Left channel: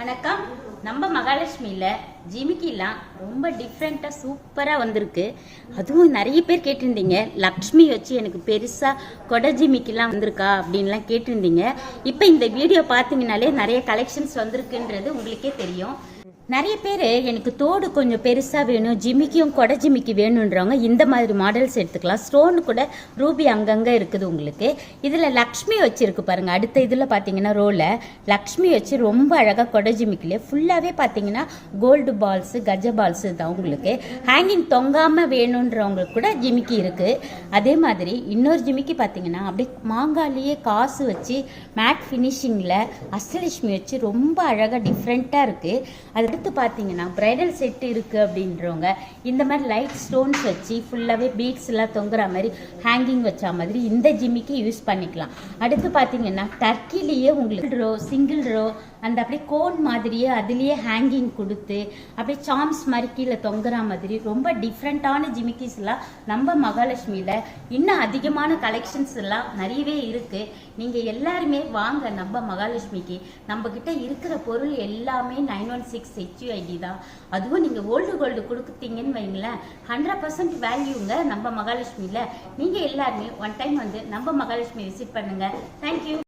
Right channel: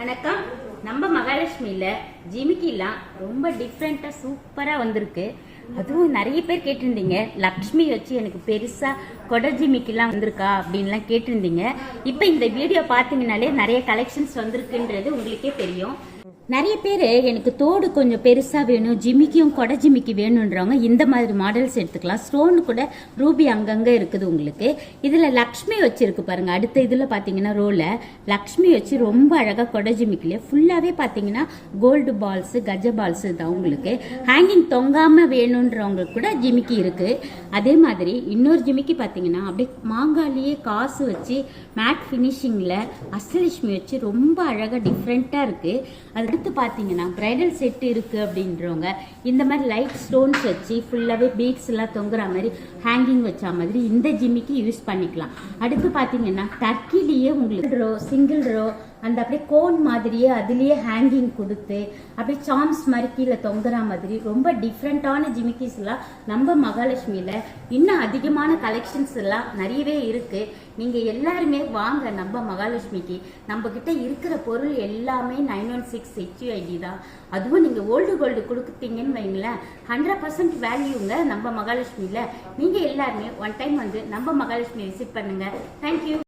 வணக்கம். நம்ம மகாலட்சுமியில ஜிமிக்கிலாம் ரொம்ப டிஃப்ரெண்டா சூப்பரா வந்திருக்கு. அதுவும் நிறைய பேர் கேட்டிருந்தீங்க, லக்ஷ்மி வச்சு எனக்கு பெருசா கொடை ஜிமிக்கிலாம் வந்திருக்கா அப்படின்லாம் கேட்டிருந்தீங்க. இப்போ இந்த வீடியோ பார்த்தீங்கன்னாலே நிறைய கலெக்ஷன்ஸ் வந்திருக்குன்றது உங்களுக்கே தெரியும். நிறைய பேர் எனக்கு தோடு கொஞ்சம் பெருசாக வேணும், ஜிமிக்கியும் கொடை ஜிமிக்கி வேணுன்றவங்க இந்த மாதிரி மாடல்ஸ் எடுத்துக்கலாம். ஸ்டோன் கூட ரூபி அங்கங்கே இருக்குது உங்களுக்கு. இதில் லக்ஷ்மி வச்சிருக்கு பாருங்க. அடுத்த இதில் பார்த்தீங்கன்னா ரோல லக்ஷ்மி வச்சு ரொம்ப அழகாக கொடை ஜிமிக்கிலே ஃபுல்லாகவே பார்த்தீங்கன்னா கோல்டு பால்ஸ் கஜ பால்ஸ் தான் உங்களுக்கு. ஹேங்கிங் தொங்காமல் வேணுன்றவங்களுக்கு கூட ஜிமிக்கி இருக்குது. அதே மாதிரி இன்னொரு ஜிமிக்கி பார்த்தீங்கன்னா அப்படியே மாங்காலேயே காசு வச்சு மேட் ஃபினிஷிங்கில் அஷ்டலட்சுமி வச்சு ரொம்ப அழகாக டிஃப்ரெண்ட்டாக இருக்குது. அது அடுத்து பார்த்தீங்கன்னா பிரைடல் செட் இருக்கு அப்படின்றவங்க இந்த மாதிரி லைட் ஸ்டோன்ஸ் வச்சு ஃபுல்லாகவே பீட்ஸ் எல்லாம் தொங்குற மாதிரி ஹேங்கிங் வச்ச மாதிரி இந்த ஜிமிக்கு யூஸ் பண்ணிக்கலாம். அடுத்து பார்த்தீங்கன்னா டர்க்கிலேயே உங்களுக்கு சிங்கிள் ரோ அந்த அப்படியே கோன் மாதிரியே அதுலேயே ஹேங்கிங் கொடுத்து அப்படியே சாம்ஸ் மாதிரி கீழே தொங்குற மாதிரி ரொம்ப டிஃப்ரெண்ட்டான ஜிமிக்கிஸ் எல்லாம் நம்ம மகாலட்சுமியில் இன்னும் அதிகமான கலெக்ஷன்ஸ் எல்லாம் நிறையவே இருக்கு. நீங்கள் எல்லாருமே வாங்க நம்ம மகாலட்சுமிக்கு. நம்ம கிட்ட இருக்கிற பொருள் எல்லாமே 916 HUID தான். அதுவும் நீங்கள் ஓல்டு கோல்டு கொடுக்குறீங்கன்னு வைங்களேன், 100% வேல்யூங்க நம்ம மகாலட்சுமியில். நீங்கள் எல்லாருமே ஒன் டைம் வந்து நம்ம மகாலட்சுமி விசிட் பண்ணுங்க. தேங்க்யூ.